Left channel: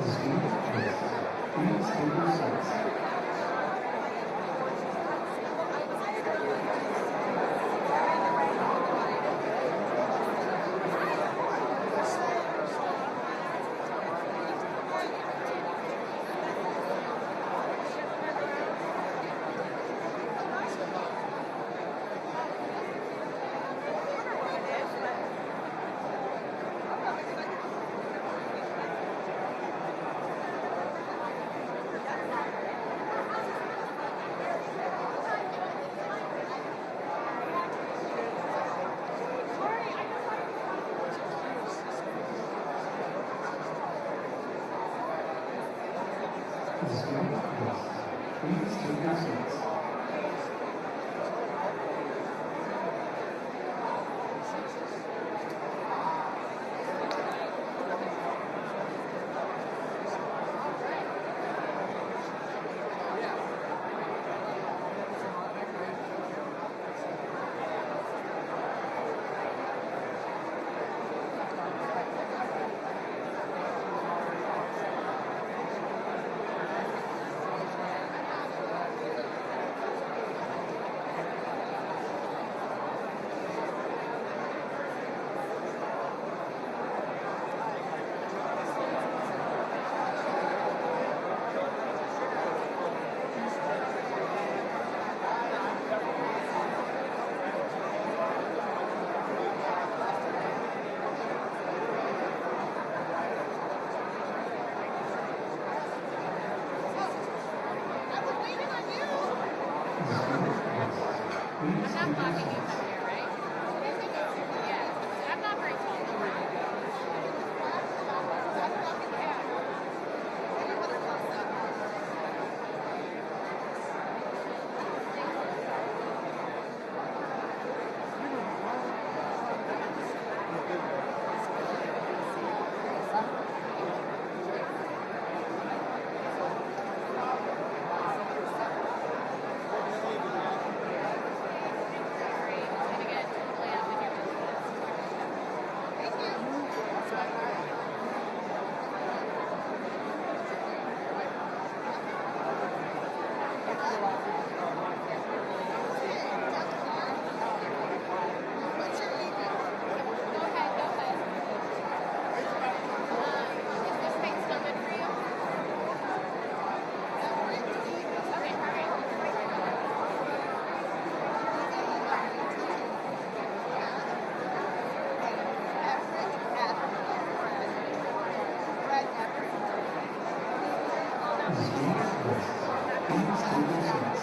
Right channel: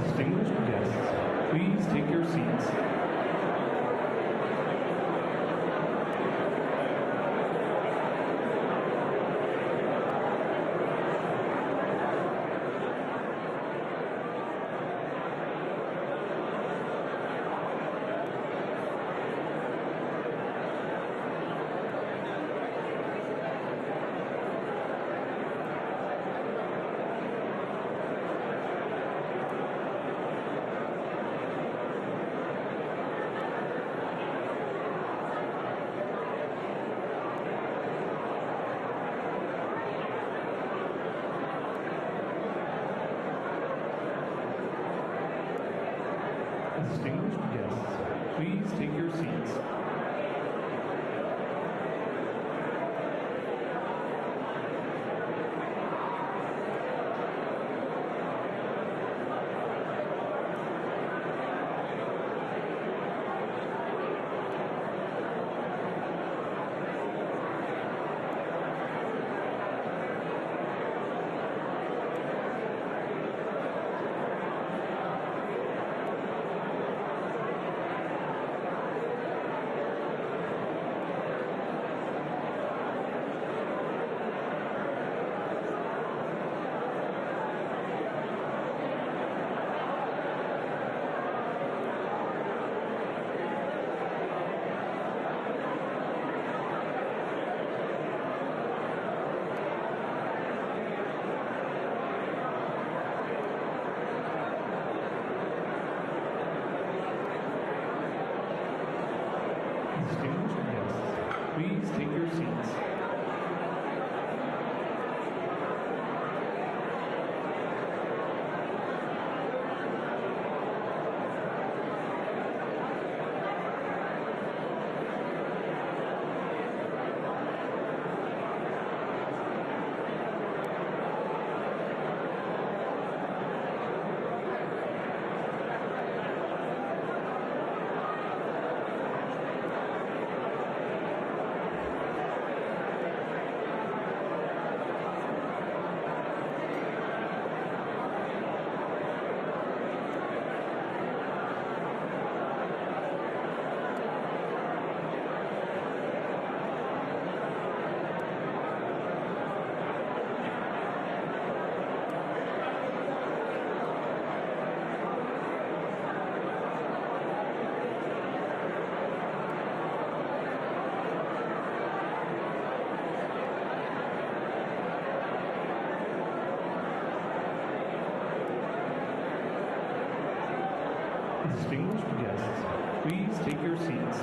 Distinguished guests, please take your seats. Distinguished guests, please take your seats. Please take your seats. Distinguished guests, please take your seats.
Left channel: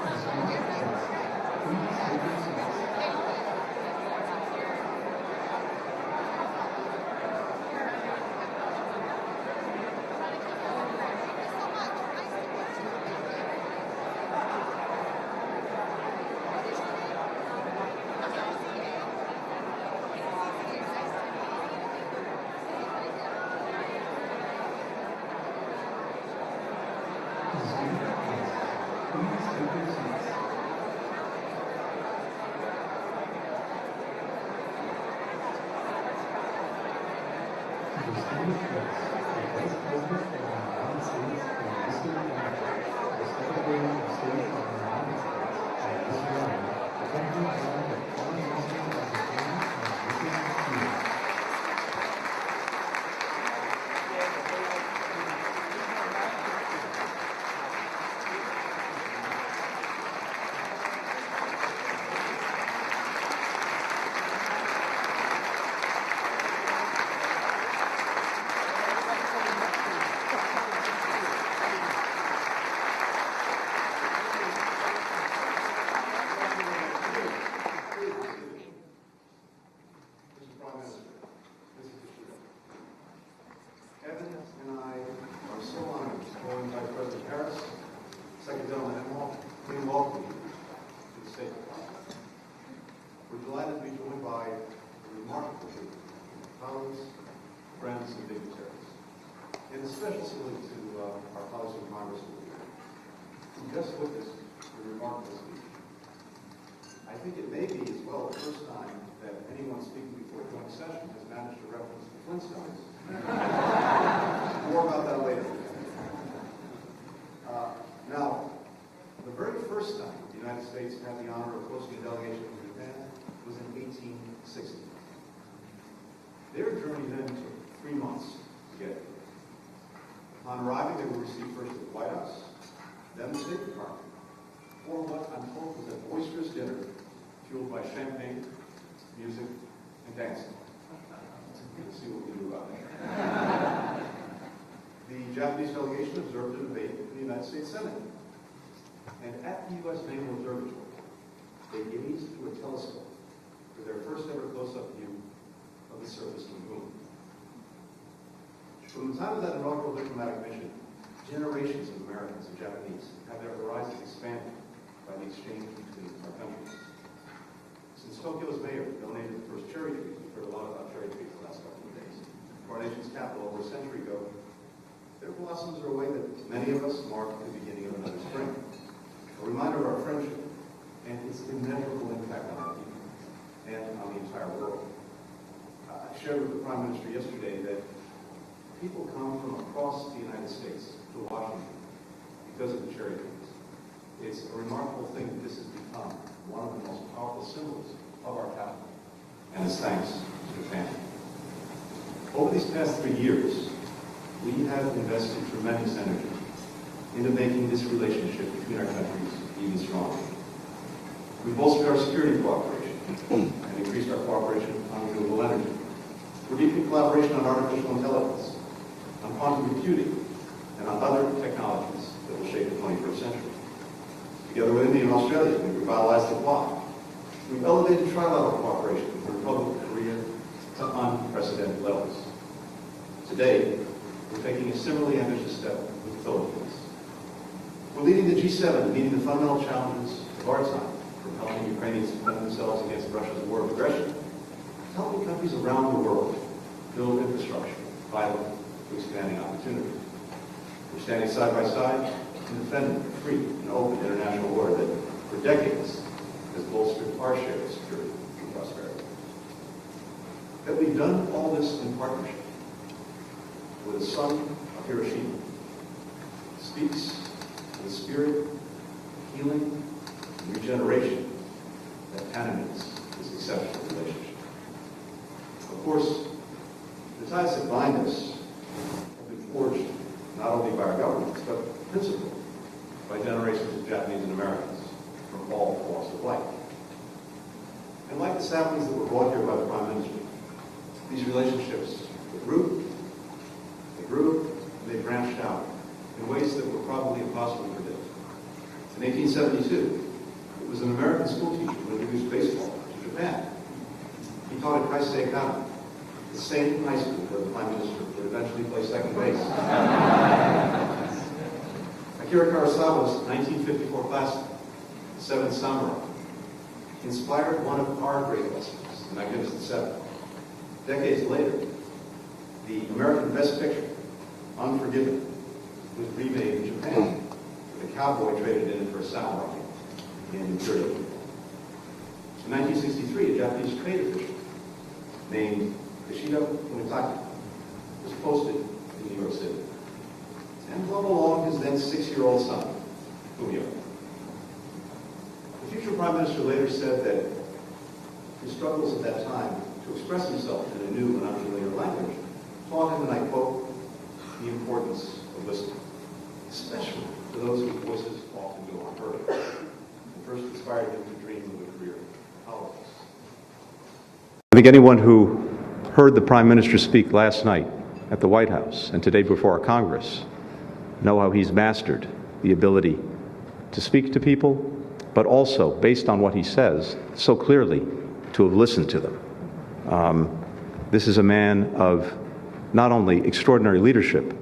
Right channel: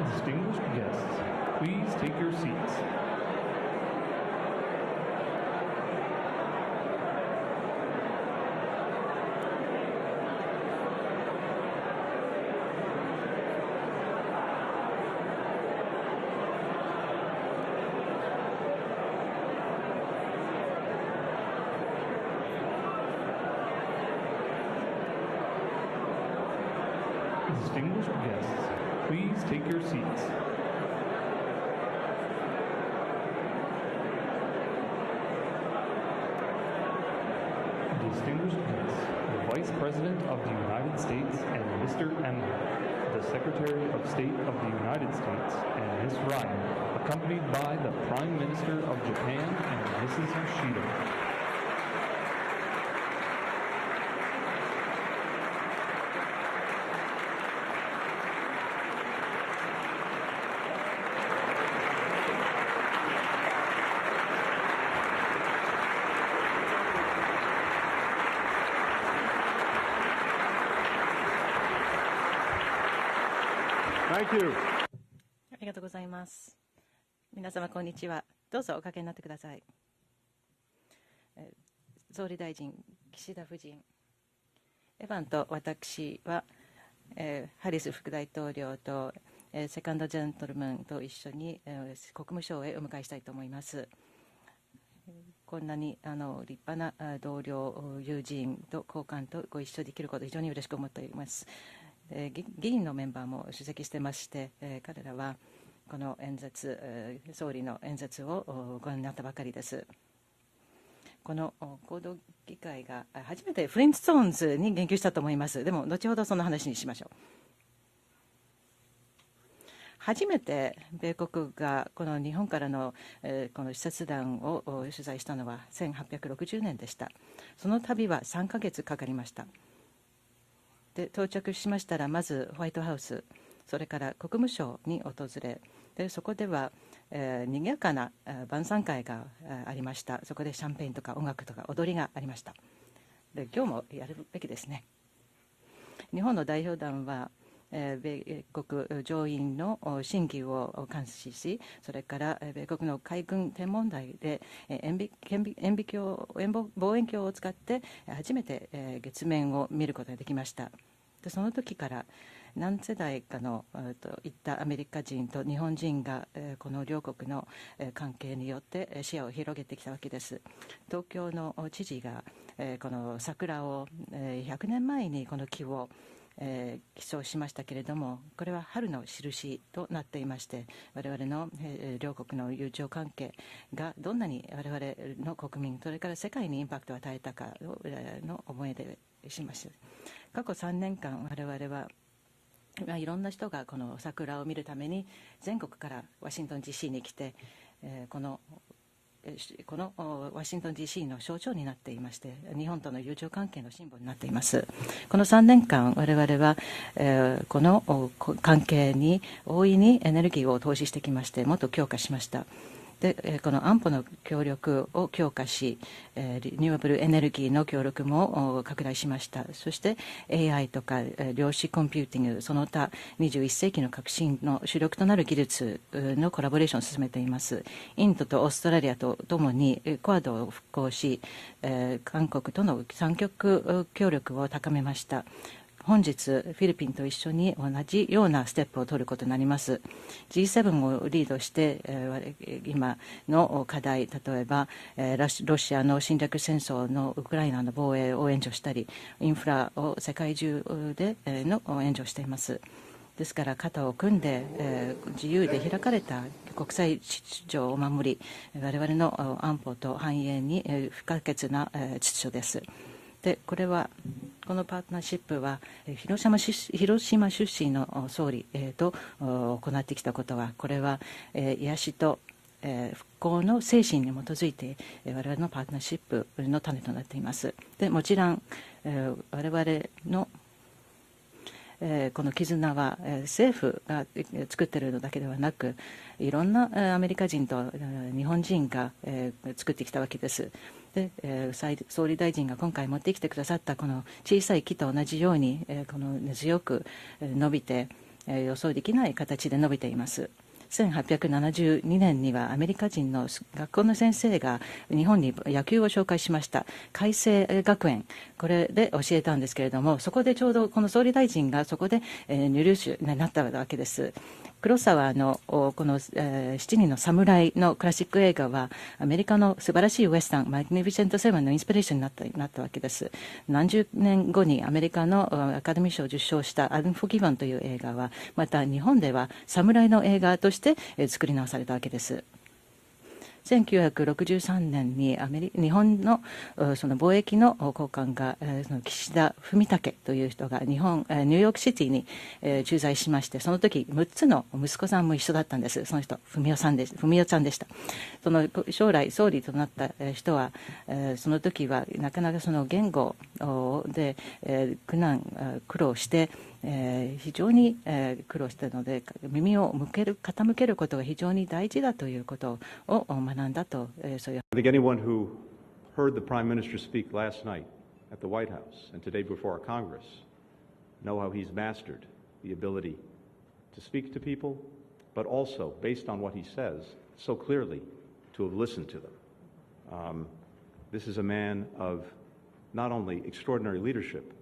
Distinguished guests, please take your seats. Distinguished guests, please take your seats. Distinguished guests, the Vice President of the United States and Mr. Emmett, the Secretary of State of the United States, and Ms. Ryan, accompanied by the Prime Minister of Japan and Mrs. Kishida. Thank you. 皆様こんにちは。どうぞおかけになってください。総理大臣、岸田夫人、エヴァンと私は、ハリス副大統領と、セカンドジェントルマンと一緒に、国務省へお迎えしたいと思います。こんなに立派な同僚、友人と交換とご一緒できることを非常に嬉しく思っております。議員のメンバーも出席してまして、彼らはこの演説、総理の演説をご覧になったばかりです。この報道機会が初めてフレンチストーンズに言及したと思います。でも後ほどその話にしましょう。初めて米国がこの日本からのこの視察団を取材したのは1860年でした。その旅は3ヶ月かかりました。で到着しましたら、まずホワイトハウス、それから国務省に訪れ、そこでは、賑やかな晩餐会がありました。そこでシャンペーンとか音楽とか踊りがありました。駅ですね。日本の代表団は、米国上院の審議を監視し、それから米国の海軍天文台で望遠鏡を使って初めて月面を見ることができました。その時から何世代かのいったアメリカ人と日本人がこの両国の関係によって視野を広げてきたわけです。東京の知事がこの桜を100年前にこの木を記帳しましたけれども、これは春の印となっていまして、我々の両国の友情関係がどんなに我々の国民、それから世界にインパクトを与えたかの思い出しました。過去3年間我々はいろんな人がこの桜を見るために全国からワシントン DC に来て、このワシントン DC の象徴になっていまして、日本の友情関係になっています。この3年間我々は、この関係に大いにエネルギーを投資してきまして、もっと強化しました。でこの安保の協力を強化し、リニューアブルエネルギーの協力も拡大しました。そして AI とか量子コンピューティング、その他21世紀の革新の主力となる技術のコラボレーションを進めています。インドとオーストラリアとともにクアッドを復興し、韓国との三極協力を高めました。本日フィリピンと一緒に同じようなステップを取ることになります。 G7 をリードして今の課題、例えばロシアの侵略戦争のウクライナの防衛を援助したり、インフラを世界中で援助しています。ですから肩を組んで自由で開かれた国際秩序を守り、我々の安保と繁栄に不可欠な秩序です。でこれはこのパートナーシップは広島出身の総理と行ってきたことは、これは癒しと復興の精神に基づいて我々のパートナーシップの種となっています。でもちろん我々のこの絆は政府が作っているのだけではなく、いろんなアメリカ人と日本人が作ってきたわけです。で総理大臣が今回持ってきてくださったこの小さい木と同じように、この強く伸びて予想できない形で伸びています。1872年にはアメリカ人の学校の先生が日本に野球を紹介しました。開成学園、これで教えたんですけれども、そこでちょうどこの総理大臣がそこで入手になったわけです。黒沢のこの7人の侍のクラシック映画はアメリカの素晴らしいウエスタンマグニフィセント・セブンのインスピレーションになったわけです。何十年後にアメリカのアカデミー賞を受賞したアンフォーギバンという映画はまた日本では侍の映画として作り直されたわけです。1963年に日本のその貿易の高官が岸田文武という人がニューヨークシティに駐在しまして、その時6つの息子さんも一緒だったんです。その人文代さんでした。その将来総理となった人はその時はなかなかその言語で苦労して非常に苦労したので、耳を傾けることが非常に大事だということを学んだと、そういう。I think anyone who heard the Prime Minister speak last night at the White House and today before our Congress know how he's mastered the ability to speak to people, but also, based on what he says so clearly, to have listened to them. This is a man of not only extraordinary leadership,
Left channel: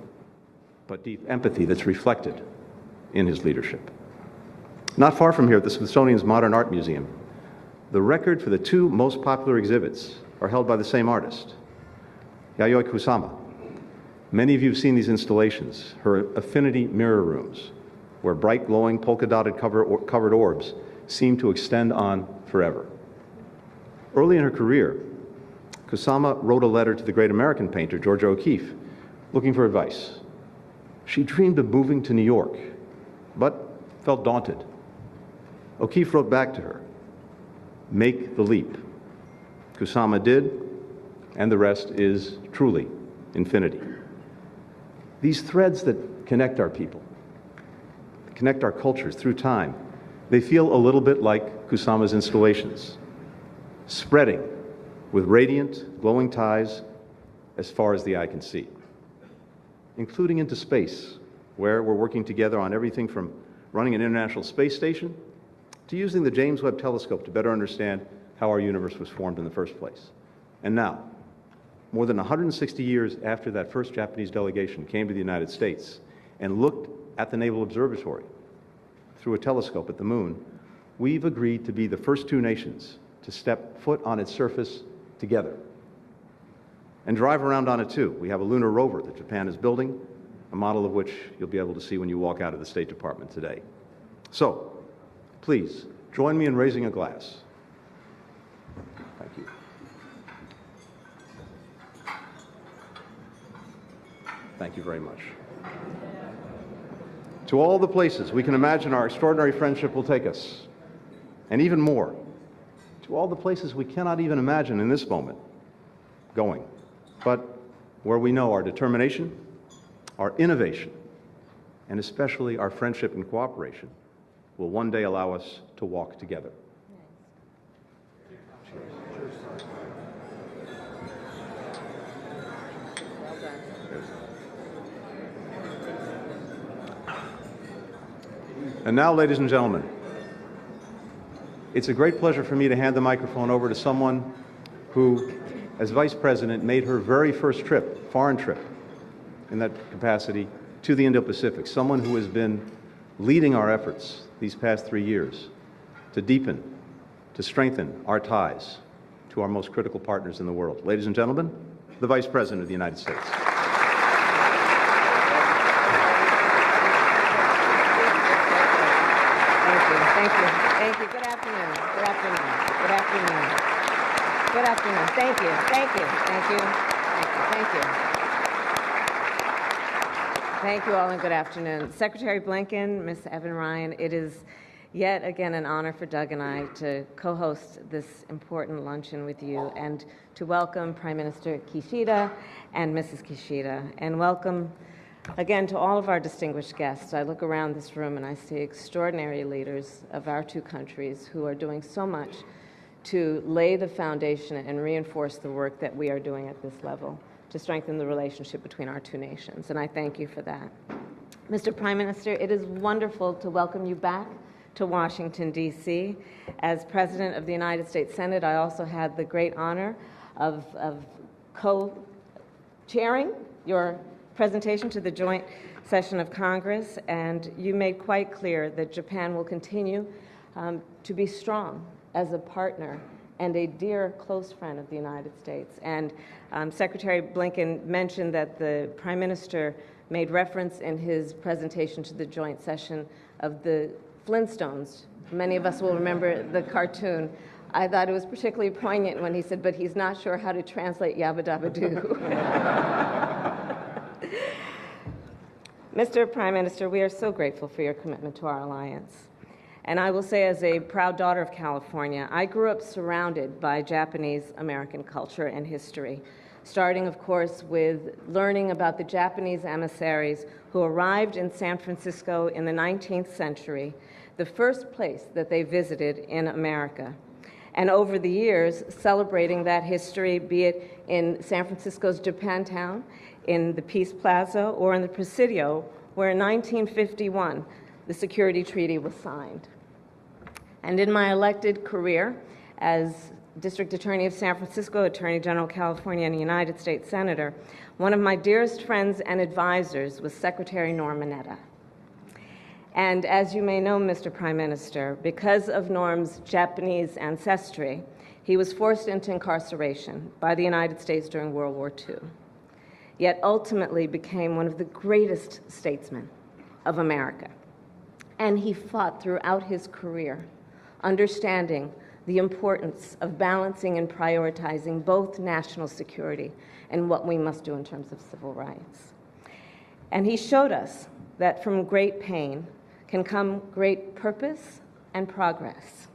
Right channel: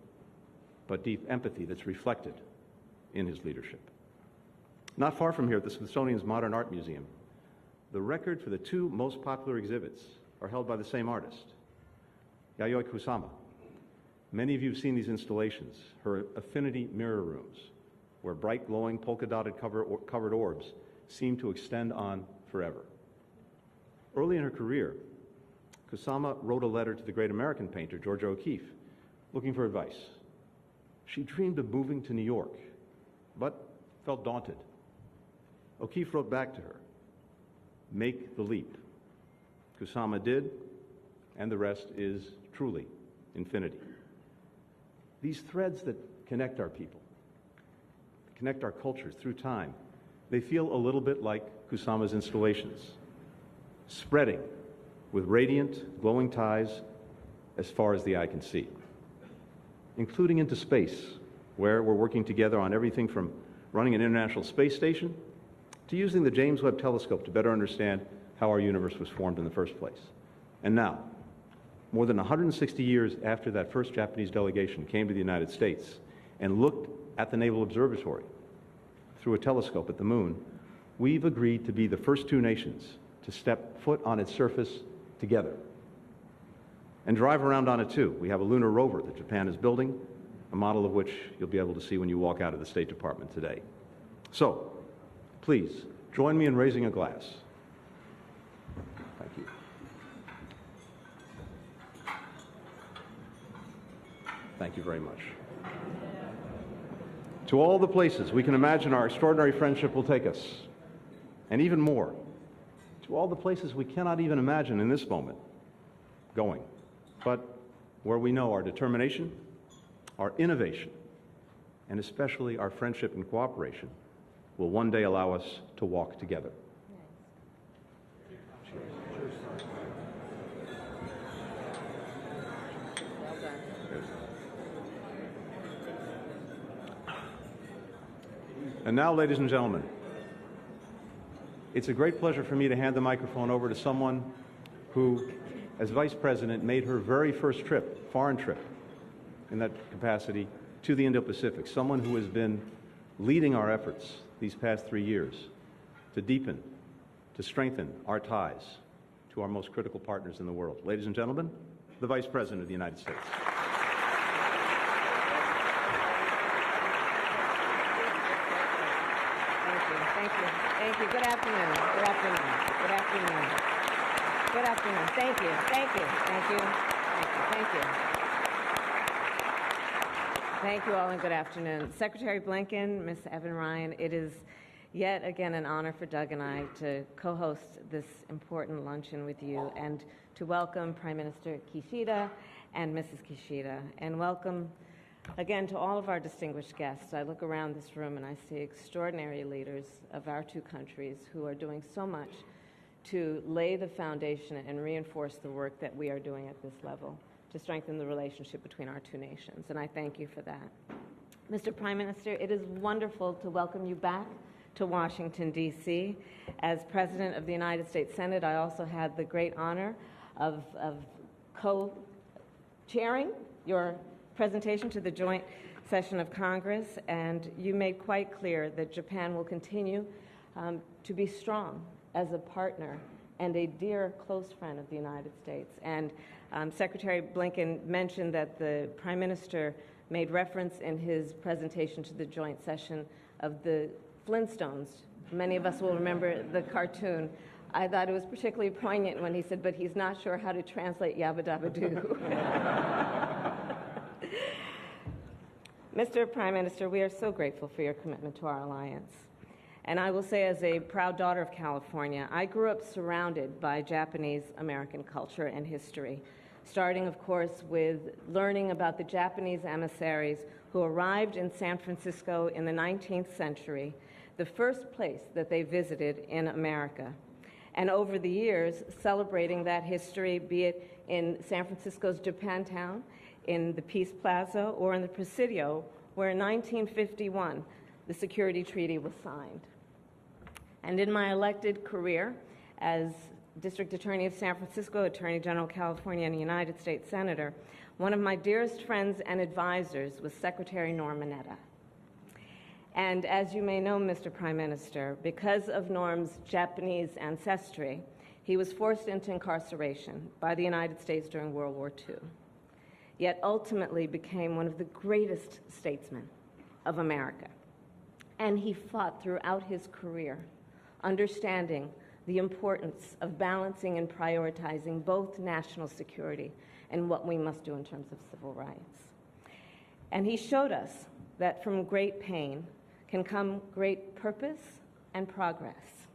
but deep empathy that's reflected in his leadership. Not far from here at the Smithsonian's Modern Art Museum, the record for the two most popular exhibits are held by the same artist, Yayoi Kusama. Many of you have seen these installations, her affinity mirror rooms, where bright, glowing, polka-dotted covered orbs seem to extend on forever. Early in her career, Kusama wrote a letter to the great American painter, Georgia O'Keeffe, looking for advice. She dreamed of moving to New York, but felt daunted. O'Keeffe wrote back to her, "Make the leap." Kusama did, and the rest is truly infinity. These threads that connect our people, connect our cultures through time, they feel a little bit like Kusama's installations, spreading with radiant, glowing ties as far as the eye can see, including into space, where we're working together on everything from running an International Space Station to using the James Webb Telescope to better understand how our universe was formed in the first place. And now, more than 160 years after that first Japanese delegation came to the United States and looked at the Naval Observatory through a telescope at the moon, we've agreed to be the first two nations to step foot on its surface together and drive around on it too. We have a lunar rover that Japan is building, a model of which you'll be able to see when you walk out of the State Department today. So, please, join me in raising a glass. Thank you. Thank you very much. To all the places we can imagine our extraordinary friendship will take us, and even more, to all the places we cannot even imagine in this moment going, but where we know our determination, our innovation, and especially our friendship and cooperation will one day allow us to walk together. And now, ladies and gentlemen, it's a great pleasure for me to hand the microphone over to someone who, as Vice President, made her very first trip, foreign trip, in that capacity, to the Indo-Pacific, someone who has been leading our efforts these past 3 years to deepen, to strengthen our ties to our most critical partners in the world. Ladies and gentlemen, the Vice President of the United States. Thank you. Thank you. Good afternoon. Good afternoon. Good afternoon. Good afternoon. Thank you. Thank you. Thank you. Thank you. Thank you. Thank you all and good afternoon. Secretary Blinken, Ms. Evan Ryan, it is yet again an honor for Doug and I to co-host this important luncheon with you and to welcome Prime Minister Kishida and Mrs. Kishida, and welcome again to all of our distinguished guests. I look around this room and I see extraordinary leaders of our two countries who are doing so much to lay the foundation and reinforce the work that we are doing at this level to strengthen the relationship between our two nations, and I thank you for that. Mr. Prime Minister, it is wonderful to welcome you back to Washington, D.C. As President of the United States Senate, I also had the great honor of co-chairing your presentation to the joint session of Congress, and you made quite clear that Japan will continue to be strong as a partner and a dear close friend of the United States. And Secretary Blinken mentioned that the Prime Minister made reference in his presentation to the joint session of the Flintstones. Many of us will remember the cartoon. I thought it was particularly poignant when he said, but he's not sure how to translate Yabba Dabba Doo. Mr. Prime Minister, we are so grateful for your commitment to our alliance. And I will say, as a proud daughter of California, I grew up surrounded by Japanese American culture and history, starting, of course, with learning about the Japanese emissaries who arrived in San Francisco in the 19th century, the first place that they visited in America. And over the years, celebrating that history, be it in San Francisco's Japantown, in the Peace Plaza, or in the Presidio, where in 1951, the security treaty was signed. And in my elected career as District Attorney of San Francisco, Attorney General of California, and United States Senator, one of my dearest friends and advisors was Secretary Norm Mineta. And as you may know, Mr. Prime Minister, because of Norm's Japanese ancestry, he was forced into incarceration by the United States during World War II, yet ultimately became one of the greatest statesmen of America. And he fought throughout his career, understanding the importance of balancing and prioritizing both national security and what we must do in terms of civil rights. And he showed us that from great pain can come great purpose and progress.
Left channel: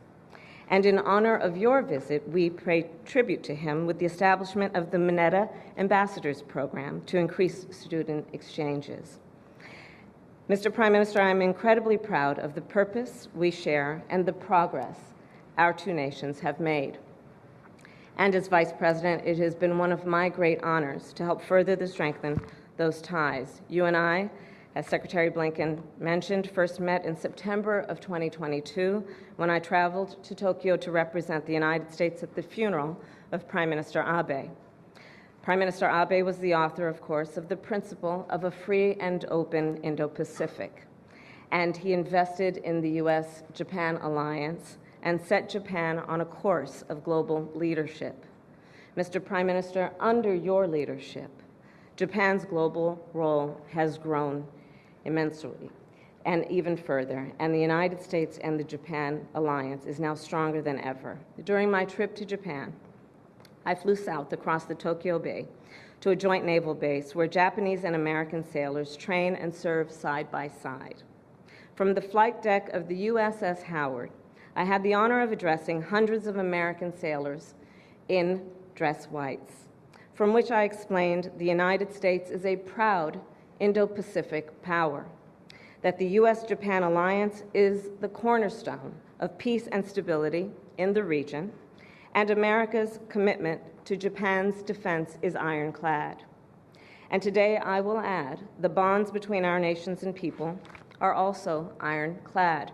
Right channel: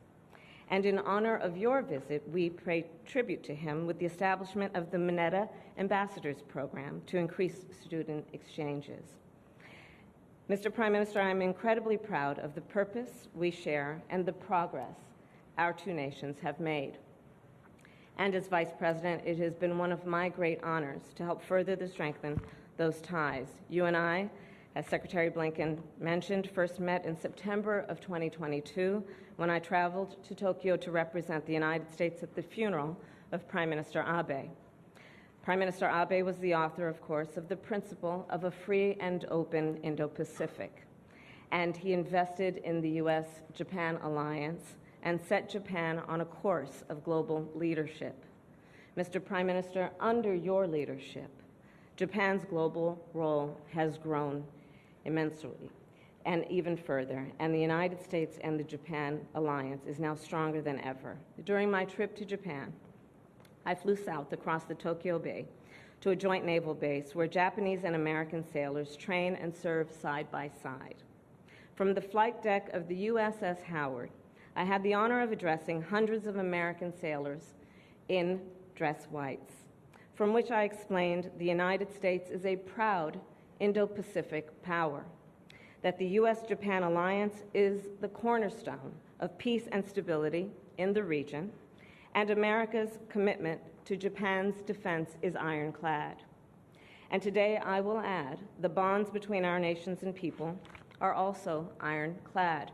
And in honor of your visit, we pay tribute to him with the establishment of the Mineta Ambassadors Program to increase student exchanges. Mr. Prime Minister, I'm incredibly proud of the purpose we share and the progress our two nations have made. And as Vice President, it has been one of my great honors to help further strengthen those ties. You and I, as Secretary Blinken mentioned, first met in September of 2022 when I traveled to Tokyo to represent the United States at the funeral of Prime Minister Abe. Prime Minister Abe was the author, of course, of the principle of a free and open Indo-Pacific, and he invested in the U.S.-Japan alliance and set Japan on a course of global leadership. Mr. Prime Minister, under your leadership, Japan's global role has grown immensely and even further, and the United States and the Japan alliance is now stronger than ever. During my trip to Japan, I flew south across the Tokyo Bay to a joint naval base where Japanese and American sailors train and serve side by side. From the flight deck of the USS Howard, I had the honor of addressing hundreds of American sailors in dress whites, from which I explained the United States is a proud Indo-Pacific power, that the U.S.-Japan alliance is the cornerstone of peace and stability in the region, and America's commitment to Japan's defense is ironclad. And today, I will add, the bonds between our nations and people are also ironclad.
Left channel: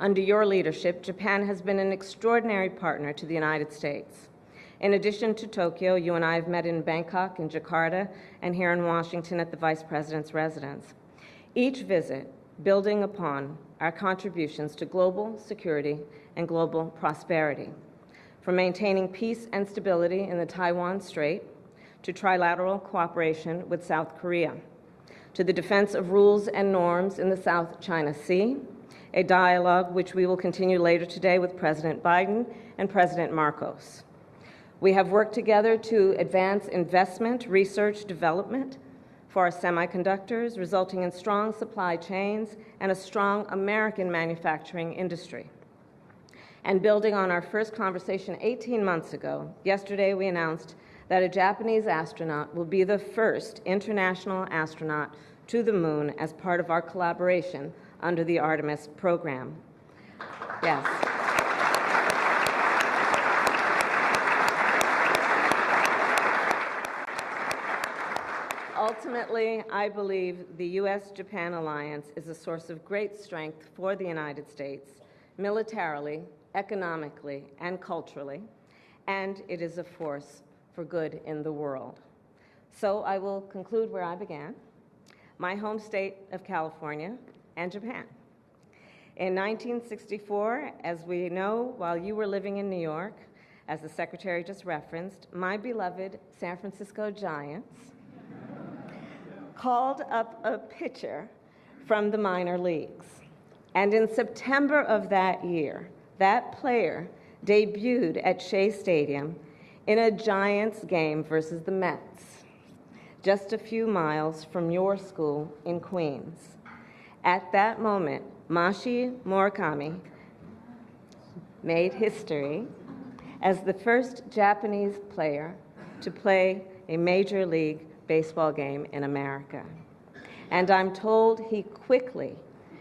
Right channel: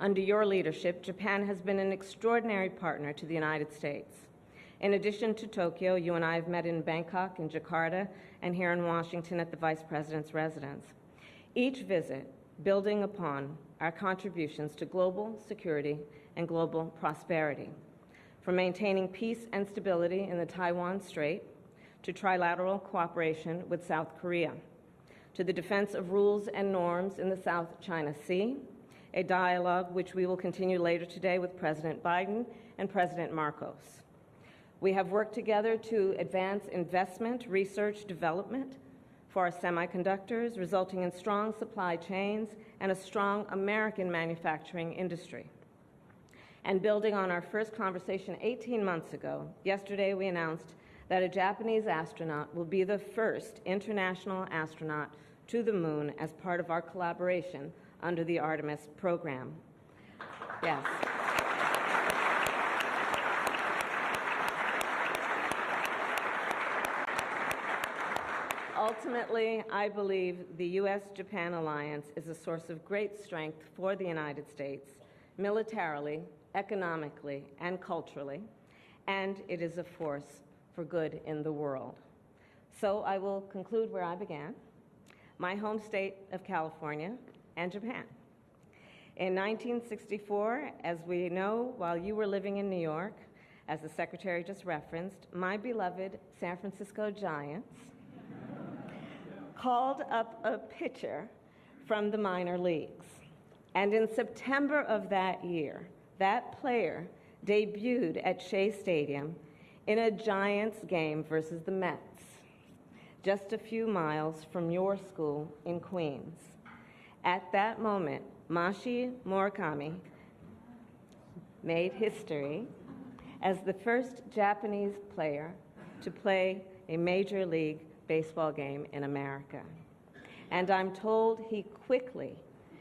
Under your leadership, Japan has been an extraordinary partner to the United States. In addition to Tokyo, you and I have met in Bangkok, in Jakarta, and here in Washington at the Vice President's residence. Each visit building upon our contributions to global security and global prosperity, from maintaining peace and stability in the Taiwan Strait to trilateral cooperation with South Korea, to the defense of rules and norms in the South China Sea, a dialogue which we will continue later today with President Biden and President Marcos. We have worked together to advance investment, research, development for our semiconductors, resulting in strong supply chains and a strong American manufacturing industry. And building on our first conversation 18 months ago, yesterday we announced that a Japanese astronaut will be the first international astronaut to the moon as part of our collaboration under the Artemis program. Yes. Ultimately, I believe the U.S.-Japan alliance is a source of great strength for the United States, militarily, economically, and culturally, and it is a force for good in the world. So I will conclude where I began, my home state of California and Japan. In 1964, as we know, while you were living in New York, as the Secretary just referenced, my beloved San Francisco Giants called up a pitcher from the minor leagues. And in September of that year, that player debuted at Shea Stadium in a Giants game versus the Mets, just a few miles from your school in Queens. At that moment, Mashi Murakami made history as the first Japanese player to play a Major League Baseball game in America. And I'm told he quickly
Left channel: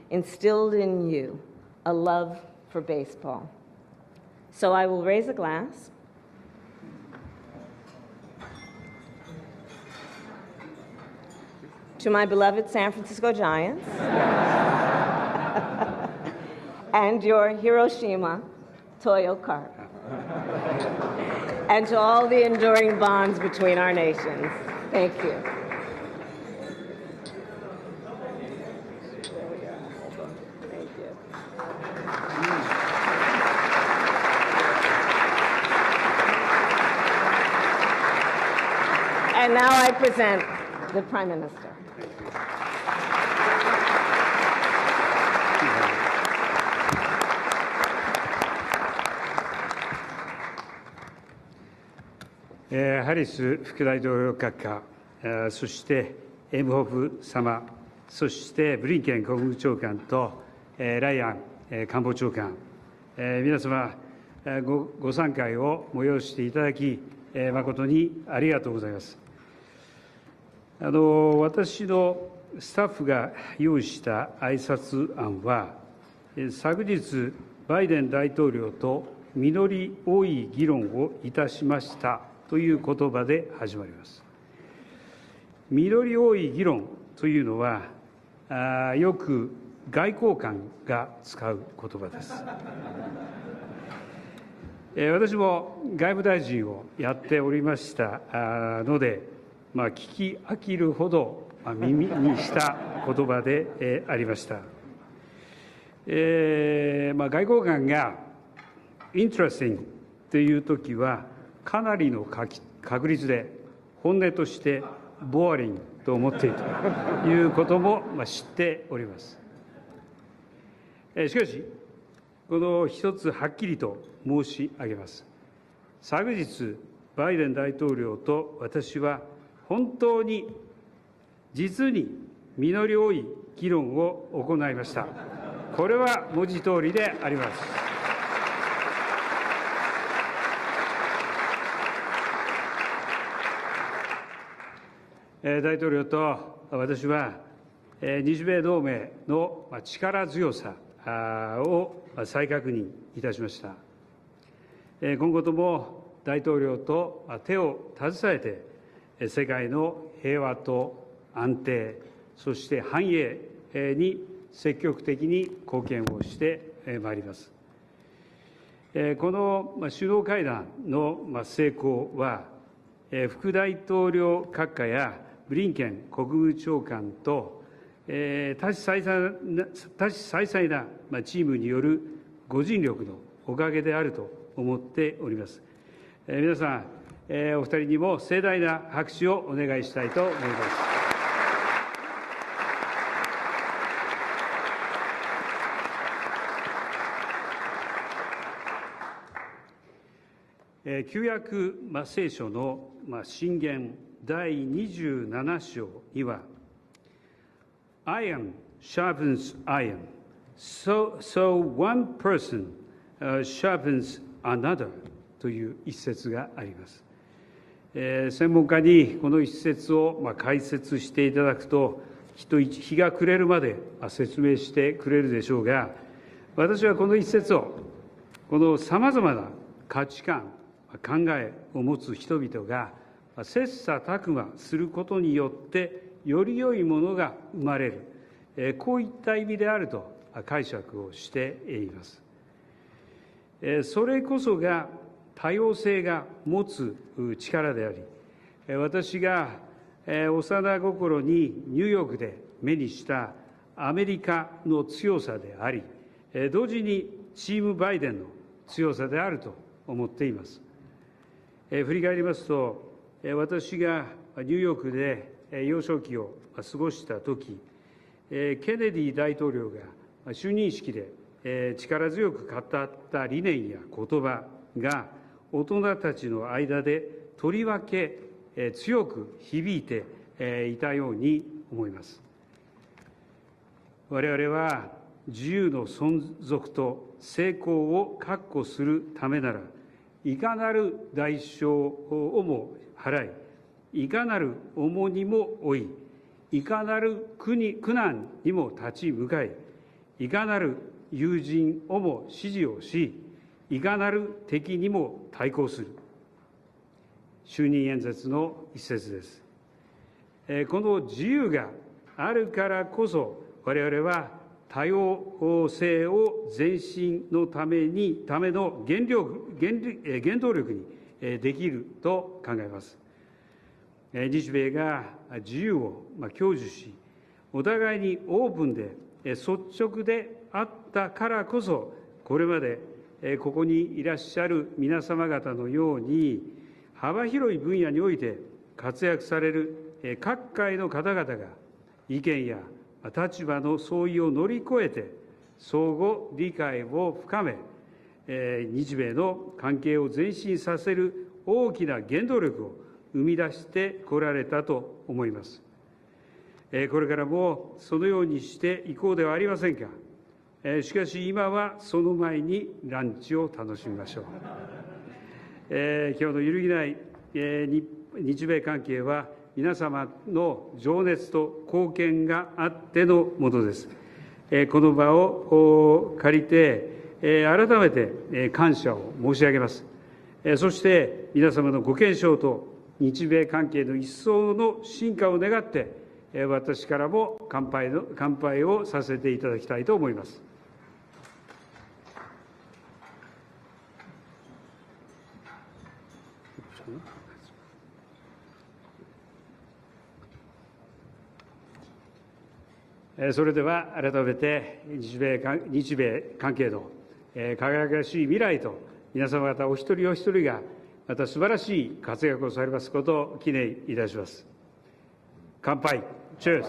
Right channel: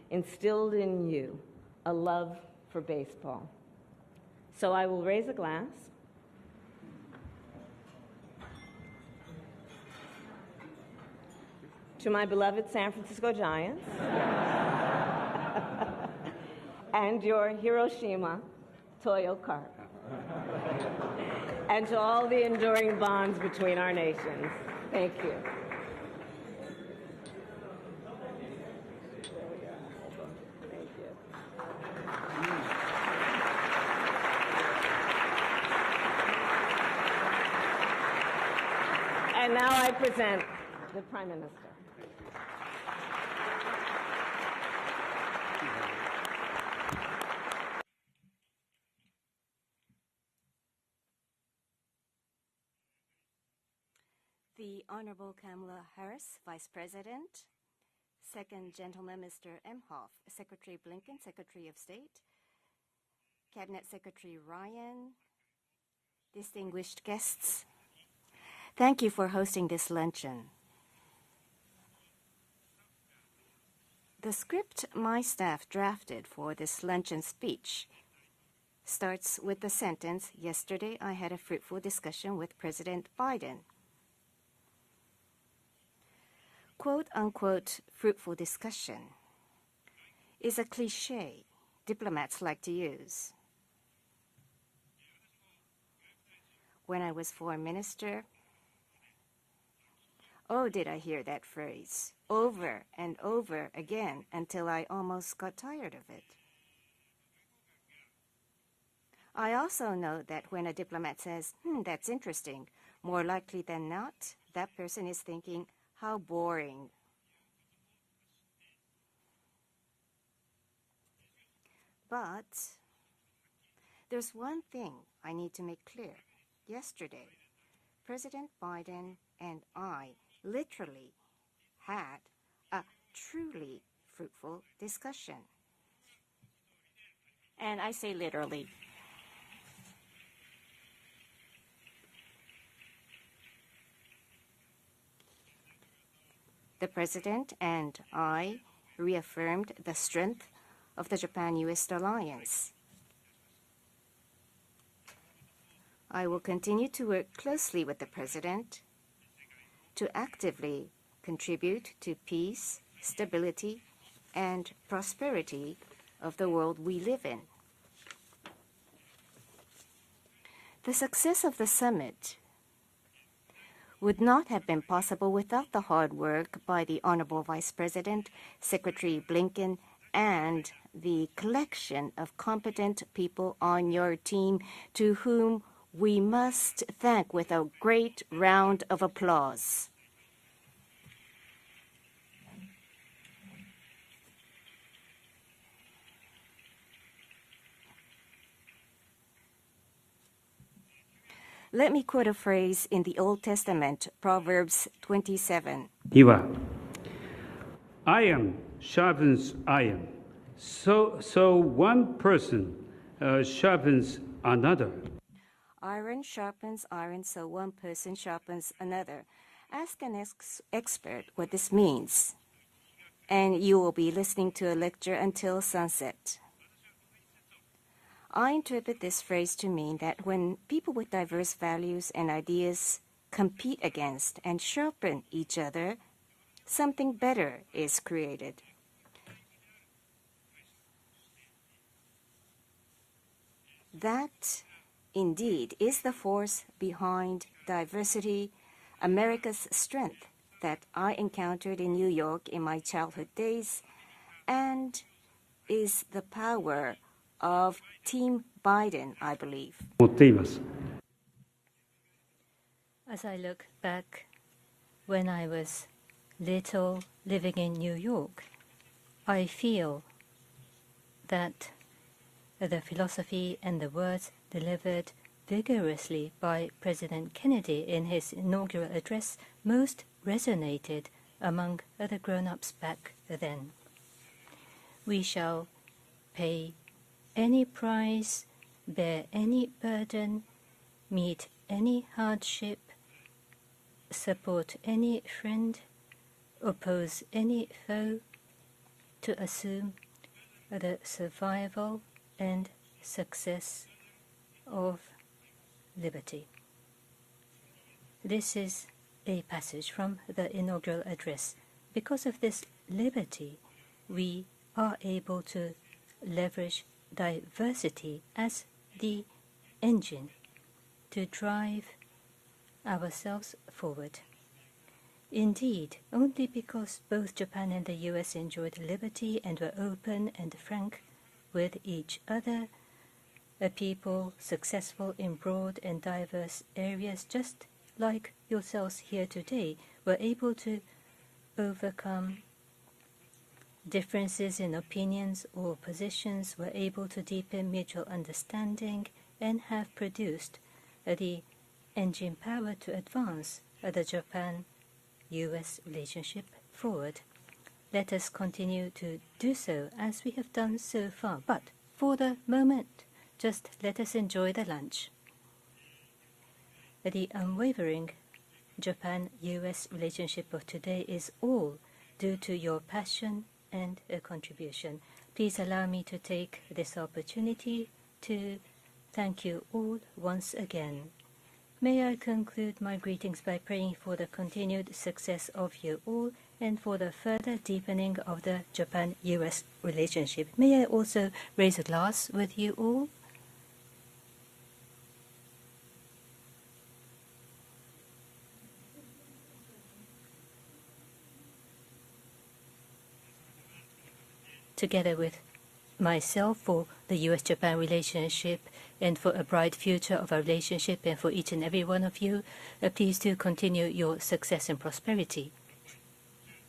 instilled in you a love for baseball. So I will raise a glass. To my beloved San Francisco Giants. and your Hiroshima Toyo Carp, and to all the enduring bonds between our nations. Thank you. Thank you. And now I present the Prime Minister.ハリス副大統領閣下、そしてエムホフ様、そしてブリンケン国務長官とライアン官房長官、皆様ご参会を催していただき、誠にありがとうございます。私のスタッフが用意した挨拶案は、昨日、バイデン大統領と実り多い議論をいたしましたという言葉で始まります。実り多い議論というのは、よく外交官が使う言葉です。私も外務大臣をやっておりましたので、聞き飽きるほど耳にした言葉でありました。外交官がイントレスティングというときは、かなりの確率で本音としてボーリングと思っているということも知っております。しかし、この一つはっきりと申し上げます。昨日、バイデン大統領と私は本当に実に実り多い議論を行いました。これは文字通りであります。大統領と私は日米同盟の力強さを再確認いたしました。今後とも大統領と手を携えて世界の平和と安定、そして繁栄に積極的に貢献をしてまいります。この首脳会談の成功は、副大統領閣下やブリンケン国務長官と多種多彩なチームによるご尽力のおかげであると思っております。皆さん、お二人にも盛大な拍手をお願いしたいと思います。Let me quote a phrase in the Old Testament, Proverbs 27. には、Iron sharpens iron, so one person sharpens another という一節があります。専門家にこの一節を解説していただくと、日が暮れるまで説明してくれるでしょうが、私はこの一節をこのさまざまな価値観、考えを持つ人々が切磋琢磨することによってより良いものが生まれる、こういった意味であると解釈をしています。それこそが多様性が持つ力である。私が幼心にニューヨークで目にしたアメリカの強さであり、同時にチームバイデンの強さであると思っています。振り返りますと、私がニューヨークで幼少期を過ごしたとき、ケネディ大統領の就任式で力強く語った理念や言葉が大人たちの間でとりわけ強く響いていたように思います。我々は自由の存続と成功を確保するためなら、いかなる代償をも払い、いかなる重荷も負い、いかなる苦難にも立ち向かい、いかなる友人をも支持をし、いかなる敵にも対抗する。就任演説の一節です。この自由があるからこそ、我々は多様性を前進のための原動力にできると考えます。日米が自由を享受し、お互いにオープンで率直であったからこそ、これまでここにいらっしゃる皆様方のように、幅広い分野において活躍される各界の方々が意見や立場の相違を乗り越えて相互理解を深め、日米の関係を前進させる大きな原動力を生み出してこられたと思います。これからもそのようにしていこうではありませんか。しかし今はその前にランチを楽しみましょう。今日の揺るぎない日米関係は皆様の情熱と貢献があってのものです。この場を借りて改めて感謝を申し上げます。そして皆様のご健勝と日米関係の一層の進化を願って私からも乾杯をさせていただきたいと思います。それでは改めて日米関係の輝かしい未来と皆様方お一人お一人がまた素晴らしい活躍をされますことを記念いたします。乾杯。Cheers。